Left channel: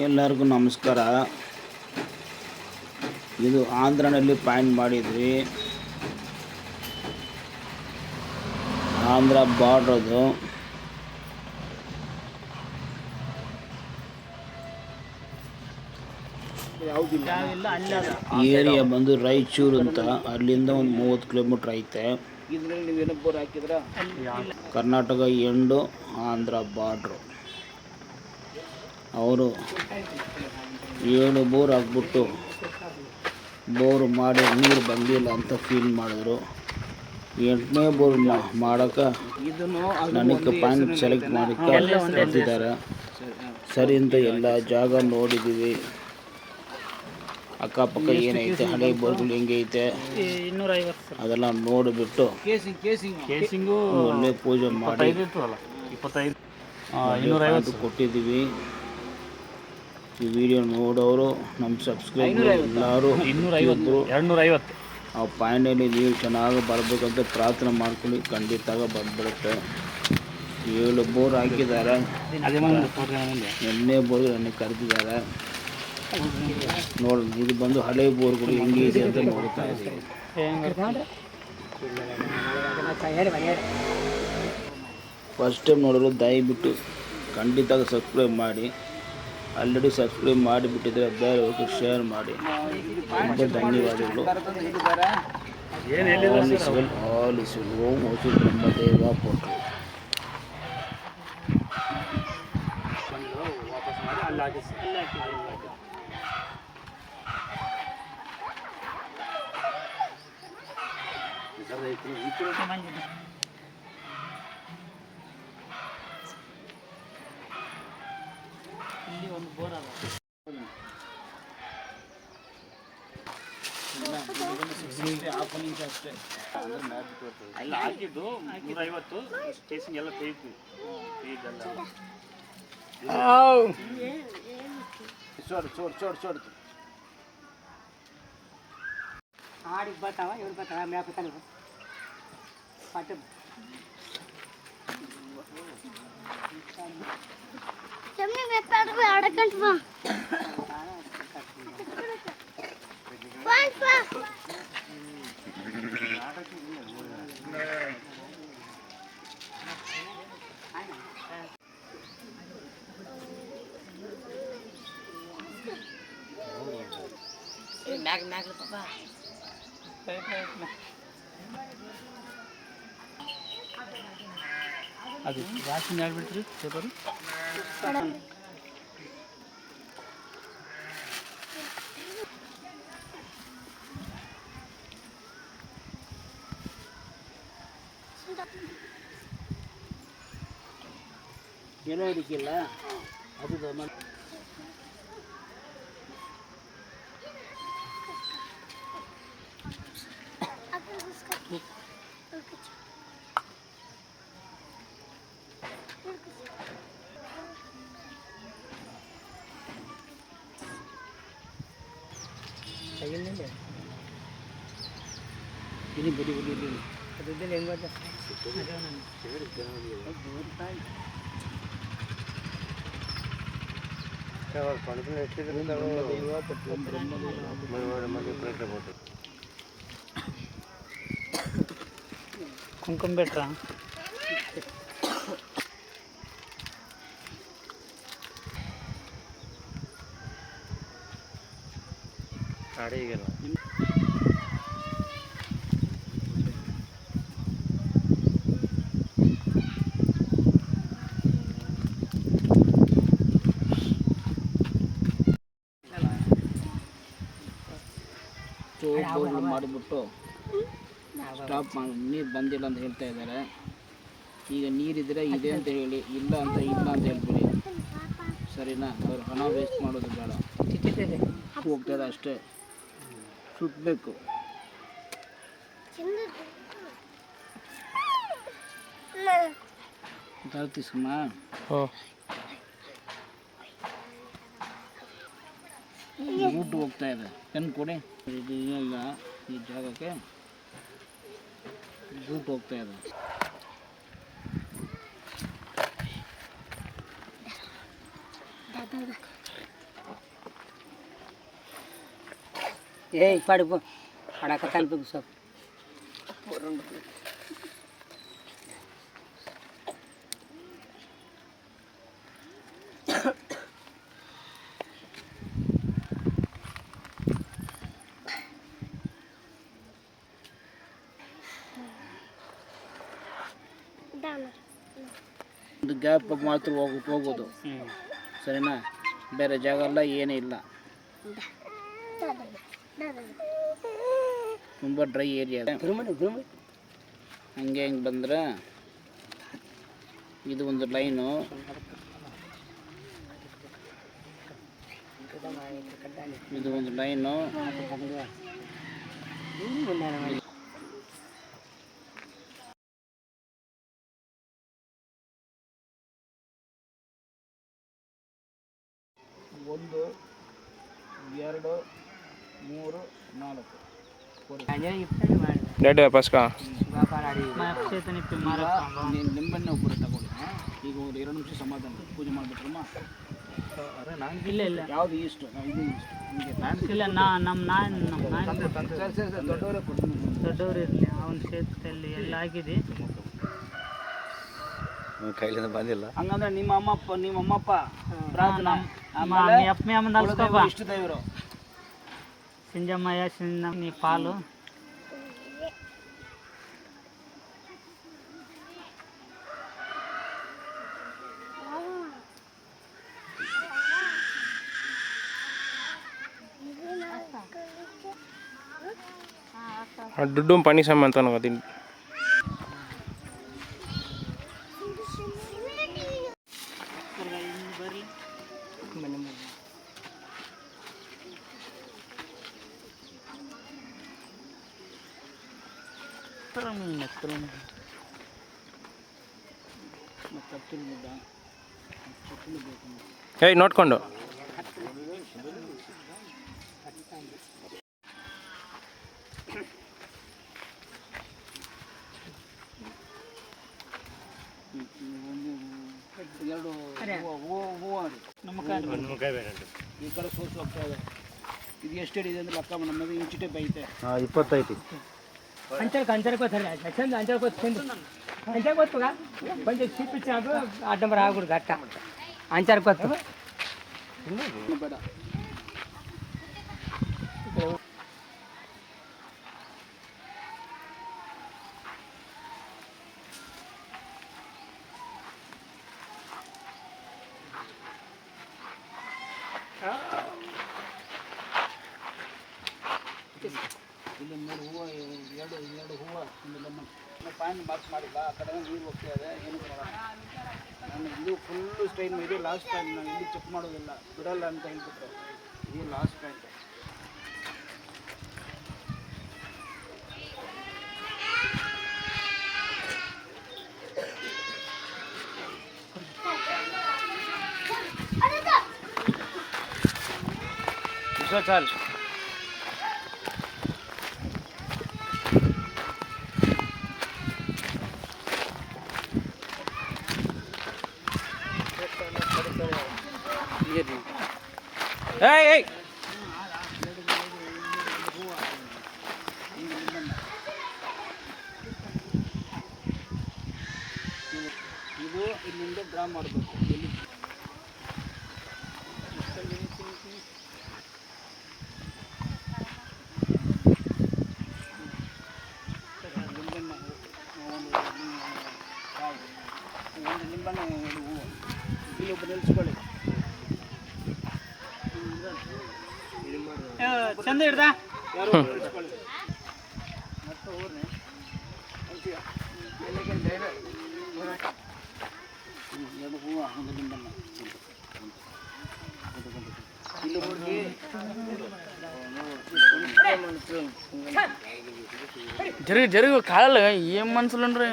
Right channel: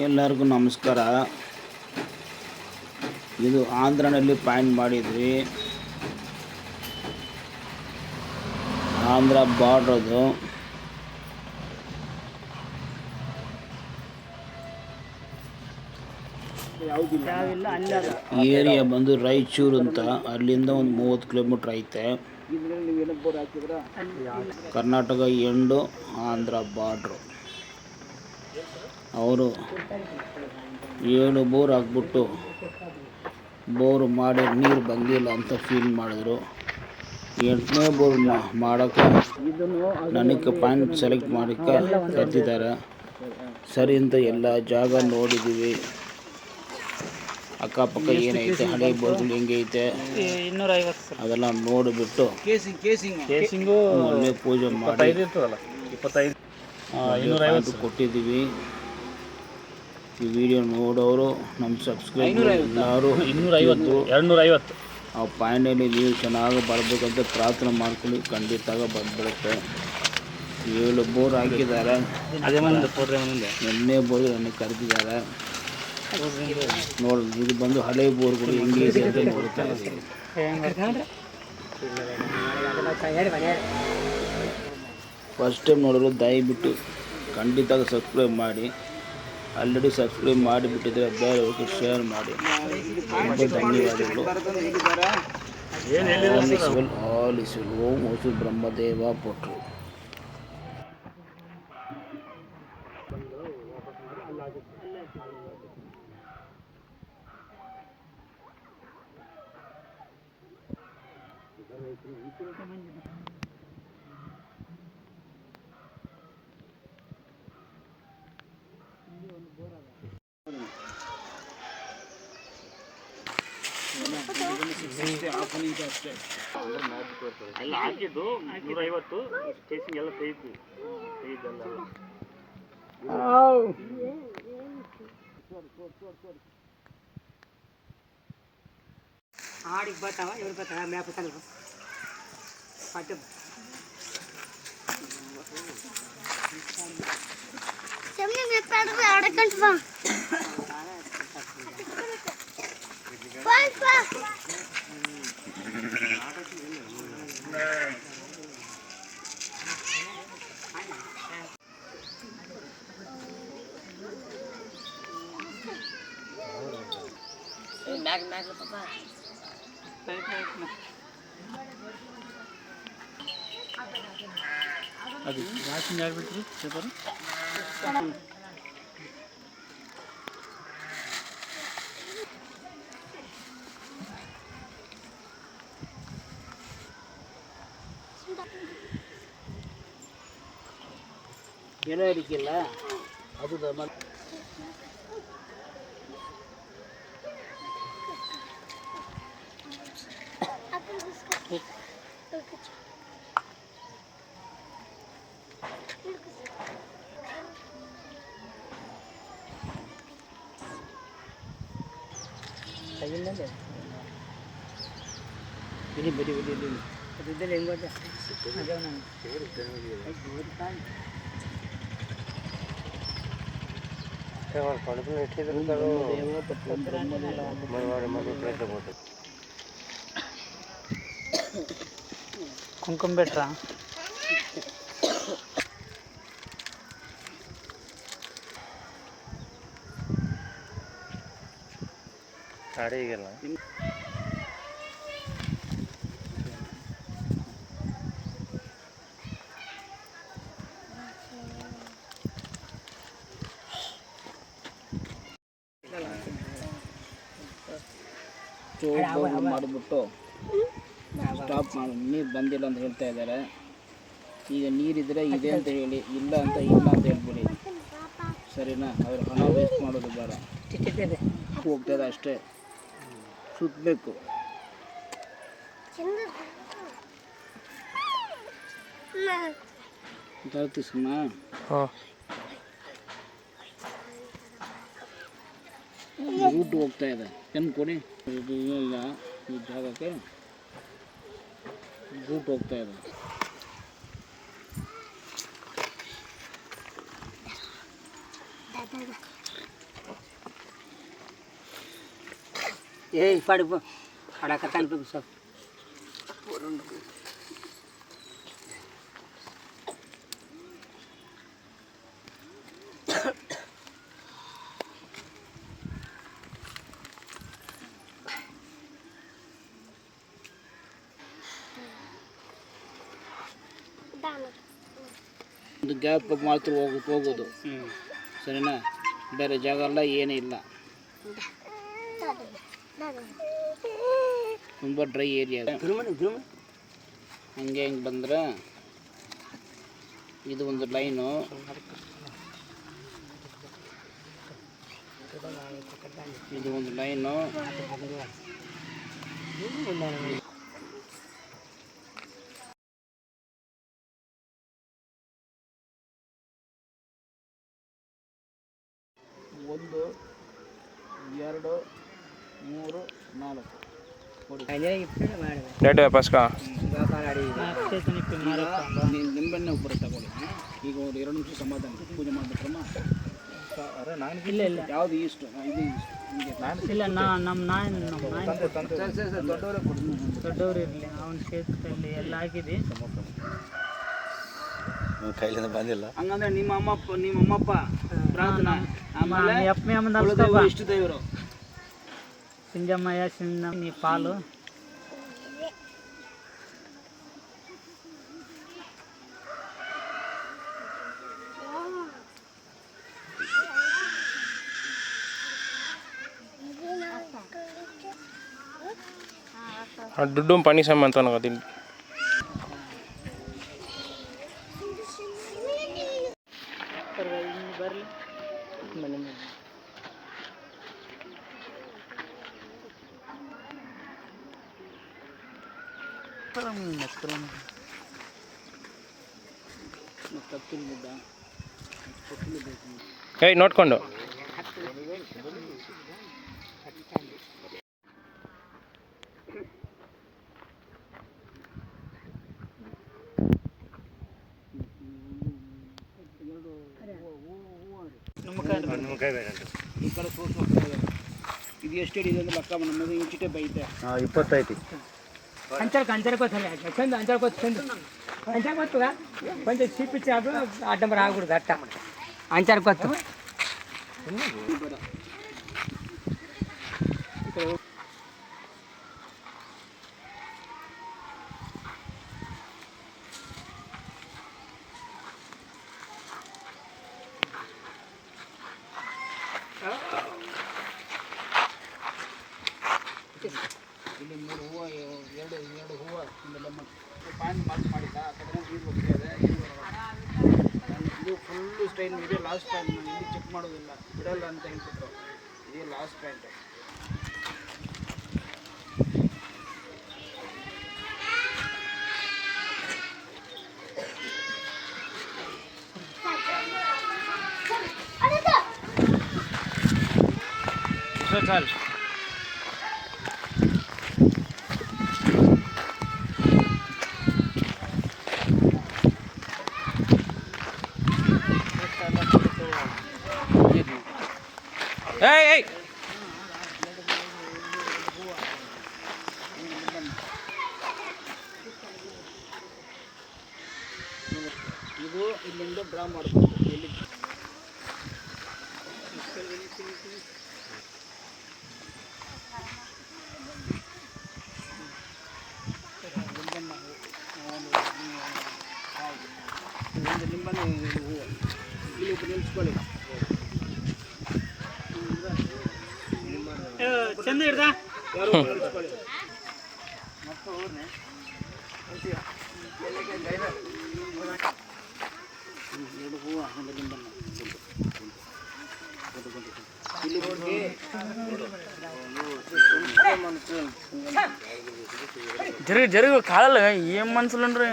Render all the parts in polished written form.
ಎಲ್ಲರಿಗೂ ನಮಸ್ಕಾರ. ಇದು ಆಂಧ್ರನಲ್ಲಿ ಪಾಯಿಂಟ್ ಮಾಡಿದ್ವಿ. ಆಂಧ್ರ ಬಾರ್ಡರ್ ಅದು. ಏರಿಯಾ ಬಂದು ರಾಯಚೂರು ಅಂತ. ಅಲ್ಲಿಂದ ಒಂದು 30 ಕಿಲೋಮೀಟ್ರ್ ಐತೆ. Karnataka end Andhra border. ಅವರು 7 ಬೋರ್ ಹಾಕ್ಬಿಟ್ಟು ಬೋರ್ ಮಾಡಿ ನೀರು ಬಂದಿಲ್ಲ ಅಂತ ಫೀಲ್ ಮಾಡಿದ್ರು. 8ನೇ ಬೋರ್ ಮಾಡೋಕ್ಕೆ ನನಗೆ ಪಾಯಿಂಟ್ ಸೆಲೆಕ್ಟ್ ಮಾಡೋಕ್ಕೆ ಕರೆದಿದ್ದಾರೆ. ಸರಿ ಅಂತ ಎಲ್ಲ ಜಾಗ ನೋಡಿದ್ದೀವಿ. ಅಕ್ಕಪಕ್ಕ ಏನೈತೆ, ಹಳೆ ಬೋರ್ಗಳು ಹೆಂಗೈತೆ ಅದೆಲ್ಲ ನೋಡಿಬಿಟ್ಟು ಒಳ್ಳೆ ಪೂಜೆ ಮಾಡಿ ಒಳ್ಳೆ ಕೊಟ್ಟಿದ್ದೀವಿ. ಈ ವಿಡಿಯೋ ನೋಡೋರು ನಮ್ಮ ಸಬ್ಸ್ಕ್ರೈಬರ್ ಎಲ್ಲರೂ 250 ಆ ಪಾಯಿಂಟಲ್ಲಿ ನೀವು ಚೆನ್ನಾಗಿ ಬರಬೇಕಂತ ಪ್ರಾರ್ಥನೆ ಮಾಡ್ಕೊಳ್ಳಿ. ಖಂಡಿತ ಬಂದ್ಬಿಡುತ್ತೆ. 7 ಬೋರ್ ಹಾಕಿದ್ದಾರೆ. 8ನೇ ಬೋರ್ ನನಗೆ ಕರೆದಿದ್ದಾರೆ. ನೋಡಿ, ಇದು ಬಂದು ಹಳೆ ಬೋರ್ಗಳು ಹೆಂಗೆ ಇದೆ ಅಂತ ನೋಡ್ತಾ ಇದ್ದೀವಿ. ಫಸ್ಟ್ ಟೈಮ್ ನೋಡಲು ದಯವಿಟ್ಟು ಖಂಡಿತ ಸಬ್ಸ್ಕ್ರೈಬ್ ಮಾಡಿ. ಆಲ್ರೆಡಿ ಸಬ್ಸ್ಕ್ರೈಬ್ ಮಾಡಿಬಿಟ್ಟಿದ್ರೆ ಬೇರೆಯವ್ರಿಗೆ ಶೇರ್ ಮಾಡಿ. ತುಂಬ ಧನ್ಯವಾದಗಳು. All is well. Om Hosur Brahmadeva ಪೊಟ್ರು. ಎಲ್ಲ ಹಾಕಿದ್ದು 150 ಸ್ಪೇಸಿಂಗ್ ಎಲ್ಲ ತೆಗೆದು ఆడికి పోతావా ఎవరు పోతావా మేపుతాను పట్టు చెమ్ని మేపాడు అడకంటున్నాం పాపా మ్యాగ్ మ్యాగ్ పాపా ಅದು ವಾಷಿಂಗ್ ಆಗಿಬಿಟ್ರಿ ಪೇಪರು. ಏನೋ ಇರಕ್ಕಿಲ್ಲ ಅದು ini beri dulu. Itu dia lenggot dah. Ada mana? Kalau kalau itu itu kalau mana berapa betul. ಕುಂಕುಮ ಬೆಟ್ರಾ साड़ी गेला ಬೋರ್ಗಳು ಮಾಡಿಬಿಟ್ಟು ಸ್ಟಾಪ್ ಮಾಡಿ ನೀರು ಬಂದಿಲ್ಲ ಅಂತ ಹೇಳ್ತಾ ಇದ್ದಾರೆ. ಈಗ ನೀರಿದ್ರೆ ಇದೆ ಅಂತ ಹೇಳಿ, ಇಲ್ಲ ಅಂತ ಇಲ್ಲ ಅಂತ ಹೇಳ್ಬಿಡಿ. ಸರಿನಾ? ಅವ್ರ ಹಣ ವೇಸ್ಟ್ ಮಾಡೋದು ಬೇಡ. ಹೋಗ್ತದೆ ಅಷ್ಟೇ, ಸುತ್ತಬೇಕು. ತೀಸ್ಕಮ್ಮ ರೂಟ್ ಹೋಗ್ತಾ ಇದೆ. ಪೆನ್ ಕೊಡಿ. ಇದು ಇಲ್ಲ ಈ ಜಾಗಕ್ಕೆ ರೂಟ್ ಹೋಗ್ತಾ ಇದೆ. ಏಯ್ ಪಡಿಪು ಅಡಕತ್ತಾನ ಬಿಗ್ ಸ್ವಲ್ಪ ಒಂದು ಗ್ಯಾಪ್ ಮಾತ್ರ ಹೋಗೋದು ಸರಿನಾ, ಬೇರೆ ಜಾಗ ಎಲ್ಲ ಏನೂ ಇಲ್ಲ, ತುಂಬ ಡ್ರೈ ಏರಿಯಾ. ಹಂಗೆ ಹಿಂಗೆ ಬಂದರೆ ಇದು ಒಂದು ಲೈನು, ಇದು ಒಂದು ಲೈನು, ಒಂದು 2 3 4 ಡೇಟ್ ವಾಪಸ್ಕಾ ನಿಂಬೆಣ್ಣೆ ಒಬ್ಬರು ತಗೊಳ್ಳಿ. ಈಗ ಒಂದು 2 ನಿಮಿಷ ಸಮಾಧಾನ ಪೂಜೆ ಮಾಡ್ಬಿಟ್ರಮ್ಮ. ಇಲ್ಲ ಇಲ್ಲ ಯಾವುದು ಇಷ್ಟು ಇದು ಇಷ್ಟು ಹಿಂಗೆ ಇಲ್ಲ ನಮ್ಮ ಸರಿ ದೊಡ್ಡವರೇ ಕೊಡ್ತೀನಿ. ದೊಡ್ಡವರು ಇರಲಿ ಅವನ ಕ್ಷೇತ್ರದಲ್ಲಿ ಎಲ್ಲ ಆಗಿದೆ. ಕೈಲಿಂದ ಬಂದಿಲ್ಲ ಹಂಗಂದ್ರೆ ನಿಮ್ಮ ಅಮ್ಮಪ್ಪ ಪ್ರಾರ್ಥನಾ, ಆಮೇಲೆ ಕುಲದೈವರು, ಇಷ್ಟು ದೇವರು ಸಿಂಜಮ್ಮಯ್ಯ ನೀ ಪಾಲು ದುಡ್ಡು ಪಣಿ ಸಮ ಅಂತ ಗೊತ್ತಿಲ್ಲ. ಬರಲಿ ಏಯ್ ನೋಡ್ಕೊಂಡು ಈ ಕಡೆ ಸೋರ್ಸ್ ಹೋಗ್ತಾ ಇದೆ. ಇದು ಎಷ್ಟು ಇದೆ ಅಂದ್ರೆ ಲೆಕ್ಕ ನಮ್ಮದು ಇಂಚಿಟೆ ಬೈತೆ 25 ಅಂಚಾರ కొంచెం చూపించాడు అడ్డం రాకూడదు అట్ట అంచారు కొత్త ಬೇಡ. ಇಲ್ಲಿ 3 ಹೂವು, ಎರಡು ಹೂವು, ಒಂದು ಲೆಮನ್ ಪಾನ್ ಮಾರ್ಕ್ ಮಾಡಿಲ್ಲ. ಆ ಕಡೆ ನೀರು ಹೋಗ್ತಾ ಇದೆ. ನಾನು ಇದು ಫುಲ್ಲು ಸ್ಟೈಲ್ ಇದೆ. ಲಾಸ್ಟ್ ಟೈಮ್ ನಾನು ಇಲ್ಲಿ ಚೆಕ್ ಮಾಡೋದಿಲ್ಲ, ಬಿಡಲ್ಲ ಅಂತ ಹೇಳ್ಬಿಟ್ರು. ಇದು ಲಾಸ್ಟ್ ಪಾಯಿಂಟ್. चाल ಇದು ಇಲ್ಲಿಂದ ಡ್ರಾ ಮಾಡಬೇಕು. ಎಲ್ಲಿ ಒಂದು ನಿಂಬಣ್ಣೆ ಹೂವು ಇಲ್ಲಿ ಒಬ್ಬರು ನಿಲ್ಲಿಸ್ಕೊಳ್ಳಿ. ಚಂದ ಹಿಡ್ದ ಯಾರು ನಿಲ್ಲಿಸ್ಕೊಳ್ಳಿ. ಮತ್ತೆ ಊರ್ನೆ ಎರಡು ಹೂವು, ಒಂದು ನಿಂಬಣ್ಣೆ ಇಲ್ಲಿ ಹೋಗಿ జరుగు కాళ్ళు ఏం మనుషులు ఉండరు.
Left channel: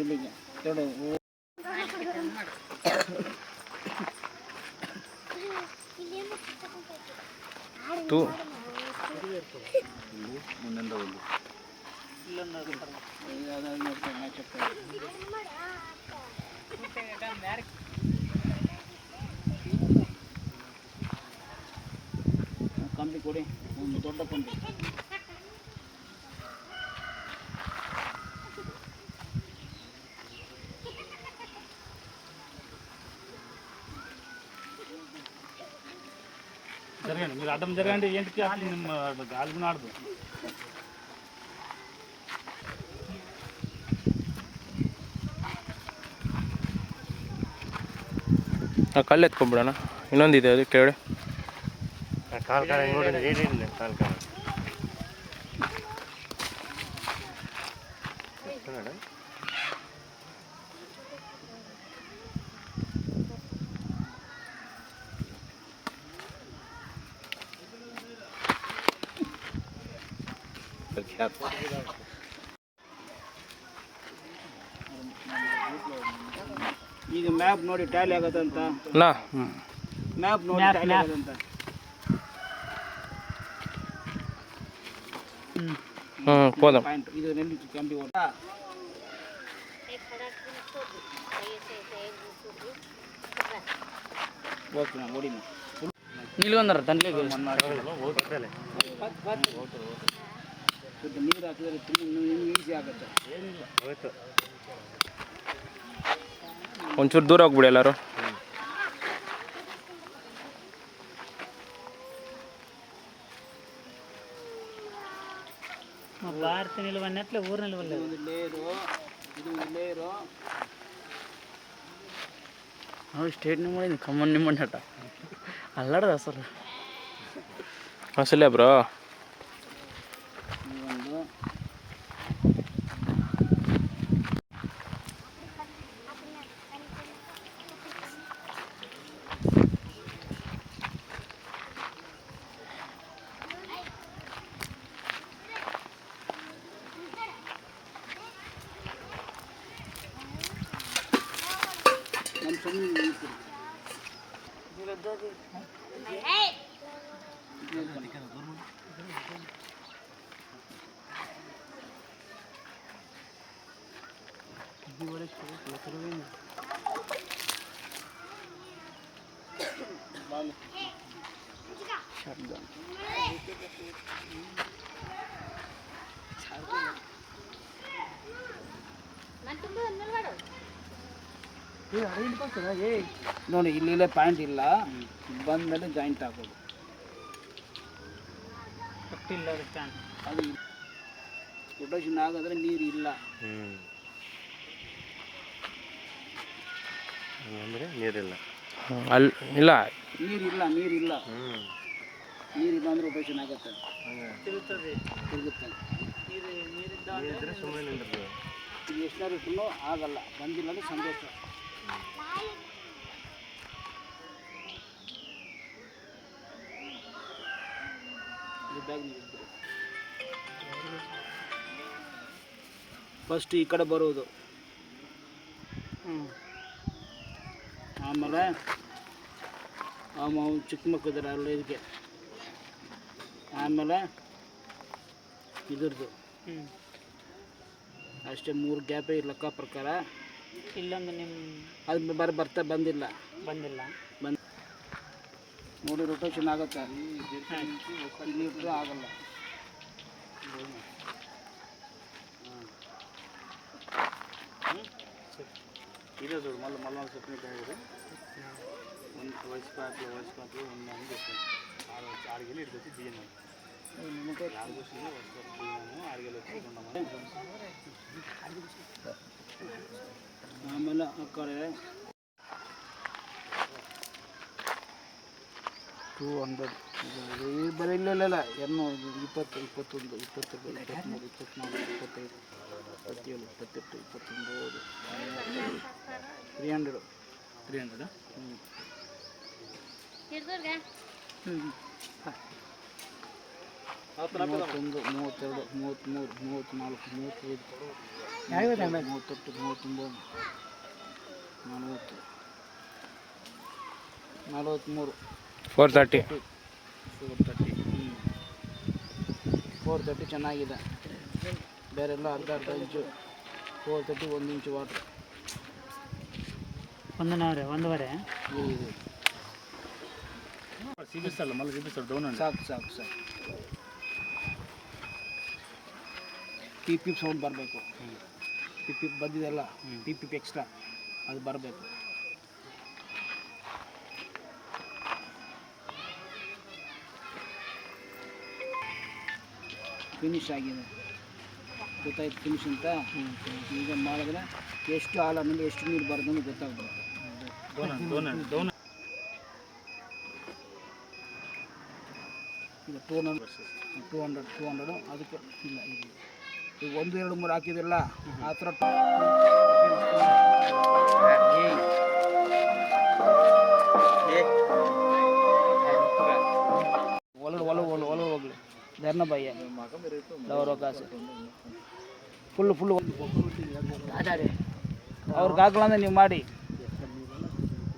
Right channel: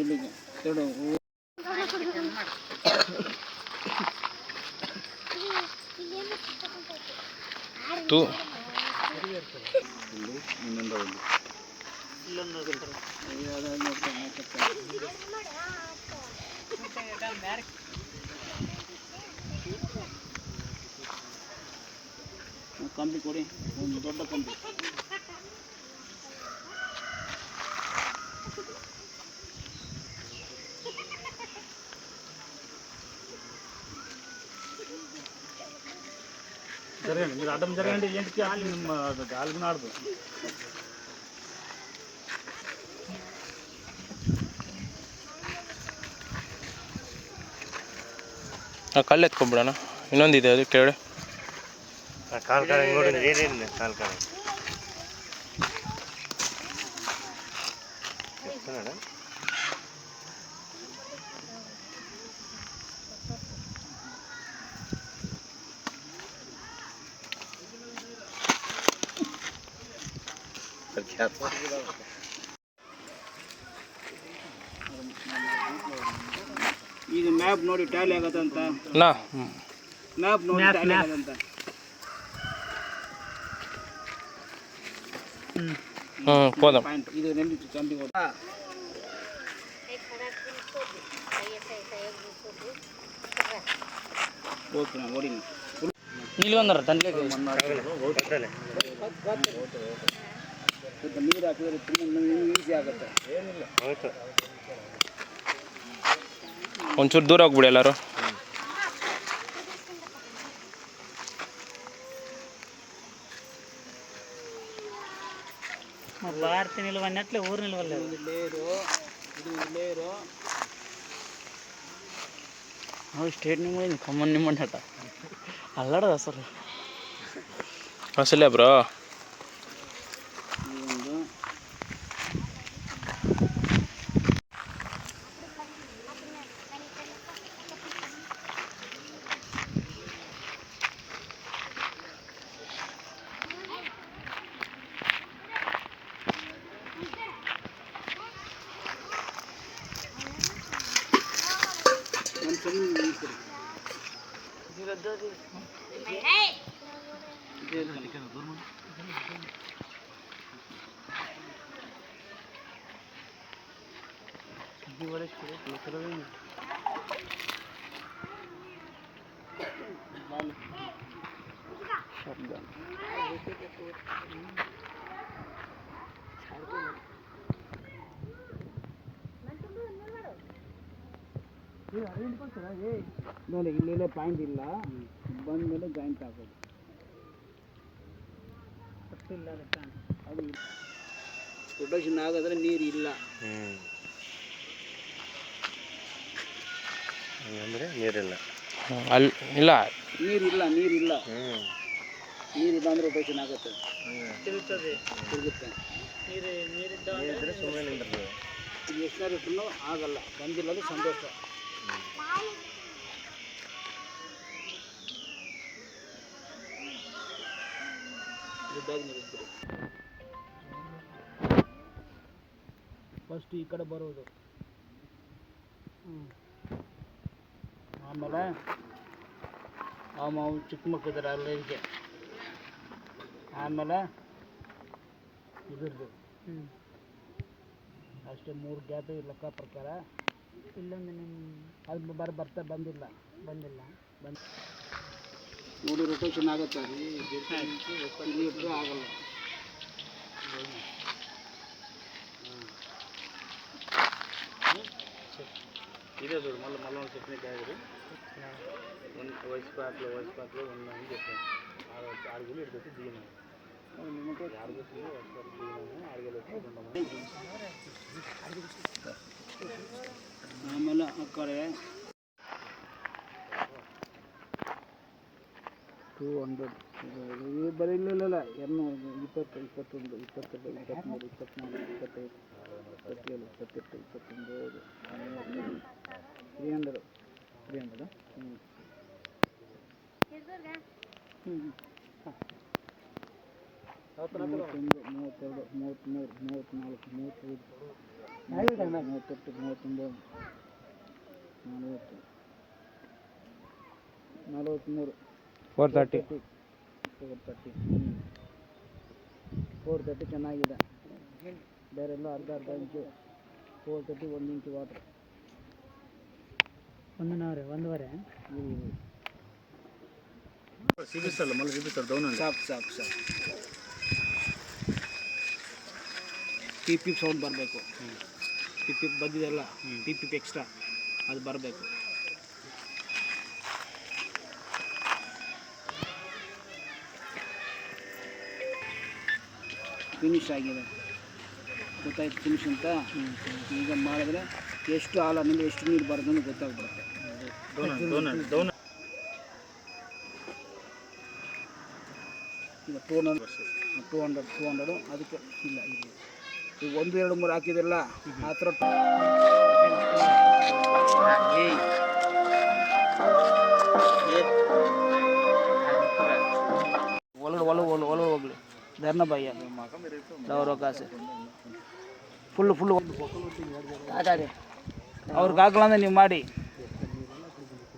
ಇಲ್ಲಿಗೆ ತೊಡು తూ ಕಂಬಿ ಕೊಡಿ, ಒಂದು ದೊಡ್ಡ ಕಂಬಿ. మీరు అడ్డం జరగండి, ఏంటికి గాలికి ఆడదు. ಕಲ್ಲು ಎತ್ಕೊಂಡ್ಬಿಡೋಣ. ಇನ್ನೊಂದಿದೆ ಅದು ಕೆಳಗಡೆ. ಕಾಲು ಕಾಲ ನೋಡಿ ನೀರಿದೆ ಕಾಲು ಕಾಲ ಈಗ ಮ್ಯಾಪ್ ನೋಡಿ ಟ್ಯಾಲಿ ಆಗತ್ತಂತ. ಮ್ಯಾಪ್ ನೋಡಿ ಟ್ಯಾಲಿ ಆಗತ್ತಂತ. ಪಾಯಿಂಟ್ ಇದು ನೆಲ್ಲಿ ಕಂಬಿ ಓಡ. ಓಕೆ ಓಡಿ ನಿಲ್ಗೊಂಡ್ರ ತಂಡ್ಲಿಗೆ ನೀರು ಹಾಕಿದ್ರೆ ತುಂಬ ಈಸಿ ಆಗುತ್ತೆ. ಒಂಚೂರು ದೂರ ಹೋಗ್ಬಿಡಿ ಎಲ್ಲರೂ. ಭಾರತಿ ನಿಲ್ವನ್ನಟ್ಲೆ ಊರು ನಿಲ್ವಲ್ಲ. ನಾವು ಸ್ಟೇಟ್ ನಿಮ್ಮ ಕಮ್ಮನ್ ನಿಮ್ಮ ನಟ ಅಲ್ಲಾಡ್ದ ಸರ್ ಅಸಲೇ ಬ್ರೋ. ನೋಡಿ ಇಲ್ಲೆಲ್ಲ ಪಾಯಿಂಟ್ ಇಲ್ಲ, ಬಂದಮೇಲೆ ಜಾಯಿಂಟ್ ಹಾಕೋದು. ಅದು ರೊಟೇಷನ್ ಆಗಿದ್ರೆ ನೀರು ಇಲ್ಲ ಅಂದರೆ ನೀರಿಲ್ಲ. ಅಲ್ಲಿ ಇಲ್ಲ, ನೀರಿಲ್ಲ ನೀರಿಲ್ಲ ನೀರಿಲ್ಲ ಅಂದರೆ ರೊಟೇಷನ್ ಆಗುತ್ತೆ, ತಿರುಗುತ್ತೆ. ನೀರಿದ್ರೆ ಸುಮ್ಮನೆ ನಿಂದಿರ್ತದೆ. ಇದು ಎಷ್ಟನೇ ಇಟ್ಟರು ಆಗಲ್ಲ, ಬಂದಿಲ್ಲ ಅಂದರೆ ಸಂತೋಷ. ಫಸ್ಟ್ ಈ ಕಡೆ ಬರೋದು, ಆಮೇಲೆ ಚಿಕ್ಕ ಮಕ್ಕಳಿದ್ದಾರೆ ಅಲ್ಲಿಗೆ, ಆಮೇಲೆ ಇದ್ರದ್ದು ಅಷ್ಟೇ 3 ಗ್ಯಾಪೇ ಲೆಕ್ಕ ಪ್ರಕಾರ. ಇಲ್ಲೊಂದು ನಿಮ್ಮ ಅದು ಬರ್ತಾ ಬಂದಿಲ್ಲ ನೋಡಿ ರೊಟೇಷನ್ ಆಗುತ್ತೆ, ಆಗಲ್ಲ. ಇದೇ చూడు మళ్ళీ చెప్పిన డ్రైవరు వయసు పాపలు ఉన్న అని చెప్పాను. ఆడికెళ్ళి ఇక్కడికి వచ్చి దిగినాము, ఆడికి వచ్చి దిగినాము, ఆడికెళ్ళి వచ్చి ಆಮೇಲೆ ಆ ಕಡೆ 200 ಬರೀ ಇಲ್ಲ 220, 21, 22, 23, 24, 25, 27, 28, 29, 300 31, 32, 33, 34, 35, 38, 39, 40, 43, 430 ಚೆನ್ನಾಗಿದೆ. ಬೇರೆಲ್ಲ ಅರ್ಧ ಇಂಚು 430 1 ಇಂಚು ವಾಟ್ರ್. ಒಂದೂವರೆ ಸಿಬಿಸಲ್ಲ ಮಲ್ಲ ಸಿಬಿಸಲ್ಲ ಡೌನ್ ಸಾಕು ಪಿಪ್ ಸೌಂಡ್ ಬರಬೇಕು. ಪಿಪ್ ಬಂದಿದೆಲ್ಲ ಪಿಪ್ ಎಕ್ಸ್ಟ್ರಾ ಅದು ಬರಬೇಕು. ಫಿನಿಶ್ ಆಗಿದೆ, ಗೊತ್ತಾಯ್ತು ಫಿನಿಶ್ ಅಂತ. ಈಗ ಮಾಡಿದ್ರೆ ಎಷ್ಟು ಹಾಲಿನಿಂದ ಎಷ್ಟು ನೀರು ಬರೋದು ಅಂತ ಗೊತ್ತಾಗ್ಬಿಡುತ್ತೆ. ಈಗ 200 ಅದಕ್ಕೆ ಇಲ್ಲ ಈಗ 1 2 3 ಹಾಕಿದಿಲ್ಲ ಆ ಥರ ಒಳ ಹೋಗ್ಲಿ ಧರ್ನ ಭಯ ಅವಕಾಶ ಫುಲ್ಲು ಅವ್ರಿಗೆ ಹಾಕಲ್ಲ ಅಂದ್ರೆ ನೀವು ಮಾಡಿ,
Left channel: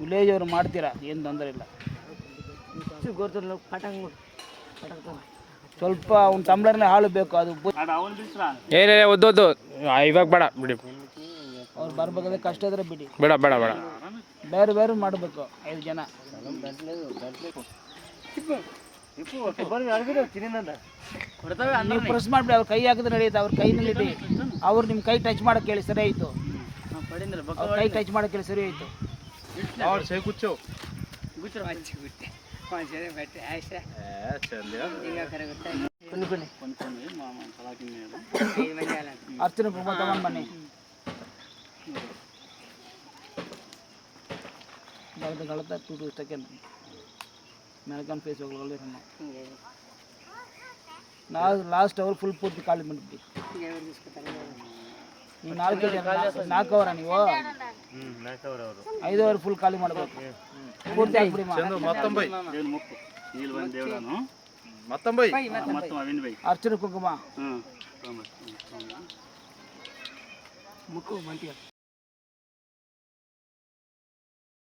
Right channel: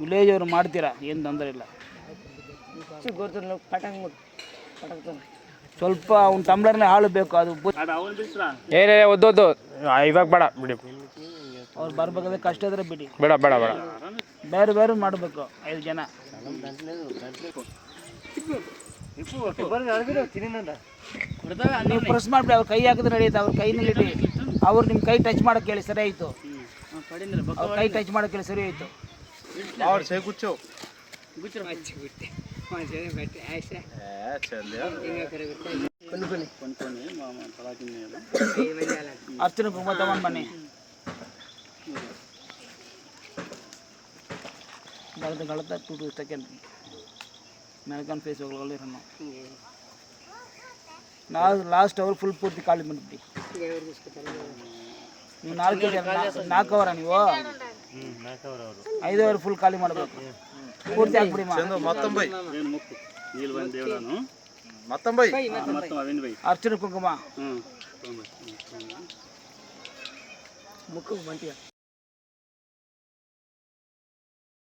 ವಿಲೇಜ್ ಅವರು ಮಾಡ್ತೀರಾ, ಏನು ತೊಂದರೆ ಇಲ್ಲ. ಸ್ವಲ್ಪ ಅವ್ನ ಟಂಬ್ಲರ್ನೇ ಹಾಲು ಬೇಕು, ಅದು ಏನೇ ಒದ್ದು ಇವಾಗ ಬೇಡ ಬಿಡಿ, ಅವ್ರು ಬರ್ಬೇಕಾದ್ರೆ ಕಷ್ಟ ಇದ್ರೆ ಬಿಡಿ, ಬೇಡ ಬೇರೆ ಮಾಡಬೇಕು 5 ಜನ. ನೀವು ಪ್ರೆಸ್ ಮಾಡಿಬಿಡಿ, ಅವ್ರ ಕೈ ಹಾಕಿದ್ರೆ ನಡೆಯುತ್ತೆ, ಅವ್ರ ಕೈನಲ್ಲಿ ಇಡಿ. ಅವ್ರು ನಿಮ್ಮ ಕೈ ಟಚ್ ಮಾಡೋಕೆ ಹೇಳಿ, ಸರಿ ಆಯಿತು. ಅವ್ರ ಕೈ ಟಚ್ ಮಾಡೋಕೆ ಹೇಳಿ, ಸರಿ ಆಯಿತು. ಅರ್ಚನೆ ಕುಂಕುಮ ತಗೊಂಡು ಬನ್ನಿ. ಗಳತ 2 ಸೆಕೆಂಡ್ ಮೇಲ್ಕೊಂಡು ಫೇಸ್ ಹೋಗಲಿ. ನಾವು ಲಾಸ್ಟ್ ಅವ್ರು ಫುಲ್ ಪೂರ್ತಿ ಖಾಲಿ ಬಂದ್ಬಿಟ್ಟು ನೀವು 4 ಅವರ ನೀವು 5 ಅವರ್ ಫುಲ್ ಖಾಲಿ ಮಾಡಬೇಕು, ಪೂರ್ತಿ ಹಾಕ್ಬಿಡಿ. ಅರ್ಚನೆ ಕುಂಕುಮ